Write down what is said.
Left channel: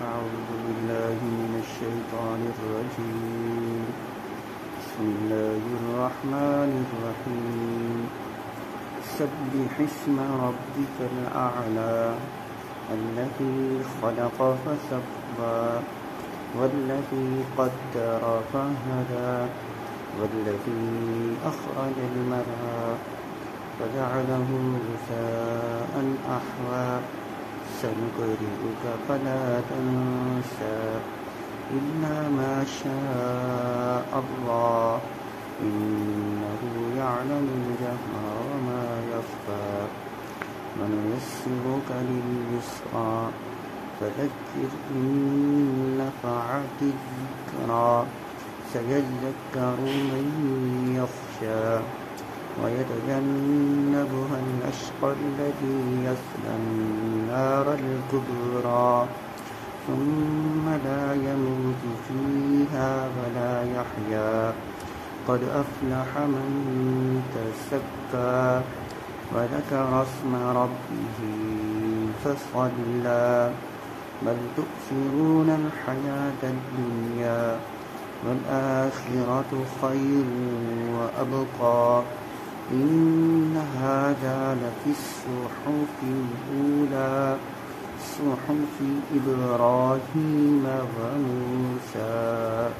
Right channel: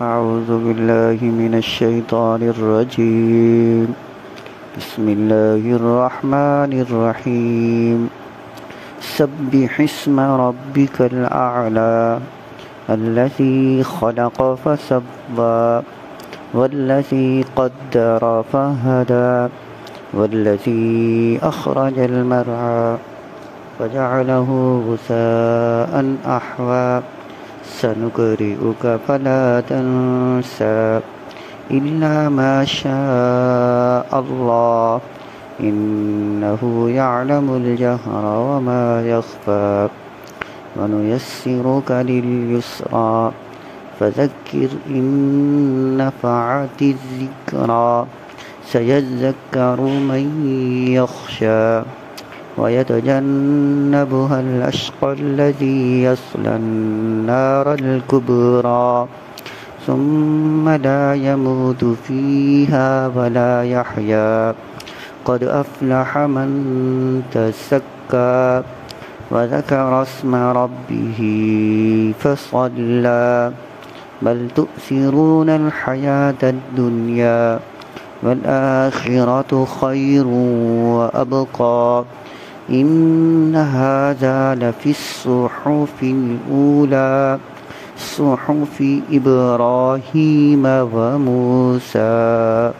أعوذ بالله من الشيطان الرجيم. بسم الله الرحمن الرحيم. سبح اسم ربك الأعلى الذي خلق فسوى والذي قدر فهدى والذي أخرج المرعى فجعله غثاء أحوى سنقرئك فلا تنسى إلا ما شاء الله إنه يعلم الجهر وما يخفى ونيسرك لليسرى فذكر إن نفعت الذكرى سيذكر من يخشى ويتجنبها الأشقى الذي يصلى النار الكبرى ثم لا يموت فيها ولا يحيا قد أفلح من تزكى وذكر اسم ربه فصلى بل تؤثرون الحياة الدنيا والآخرة خير وأبقى إن هذا لفي الصحف الأولى صحف إبراهيم وموسى.